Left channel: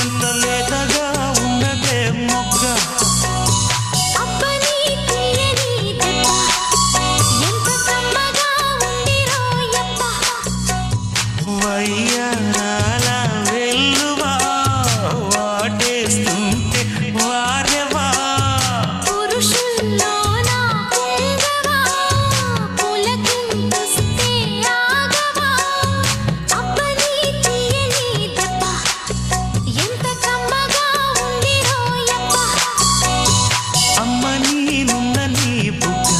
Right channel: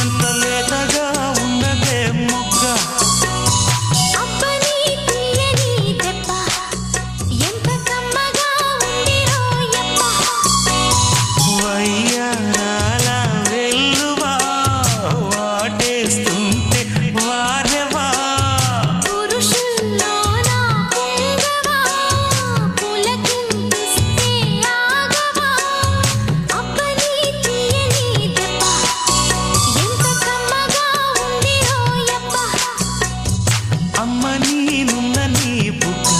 ఎంత లేతగా ఉన్నదే మొగ్గ అబ్బని తీయని దెబ్బ ఎంత కమ్మగా ఉంది రోయప్ప వయ్యారాల వెల్లువా వాటేస్తుంటే వారెవా పురుషుల్లోన పుంగవా పులకింతుస్తే ఆగవా అబ్బని తీయని దెబ్బ ఎంత కమ్మగా ఉంది రోయప్ప అమ్మ నీనున్న నీ బుగ్గ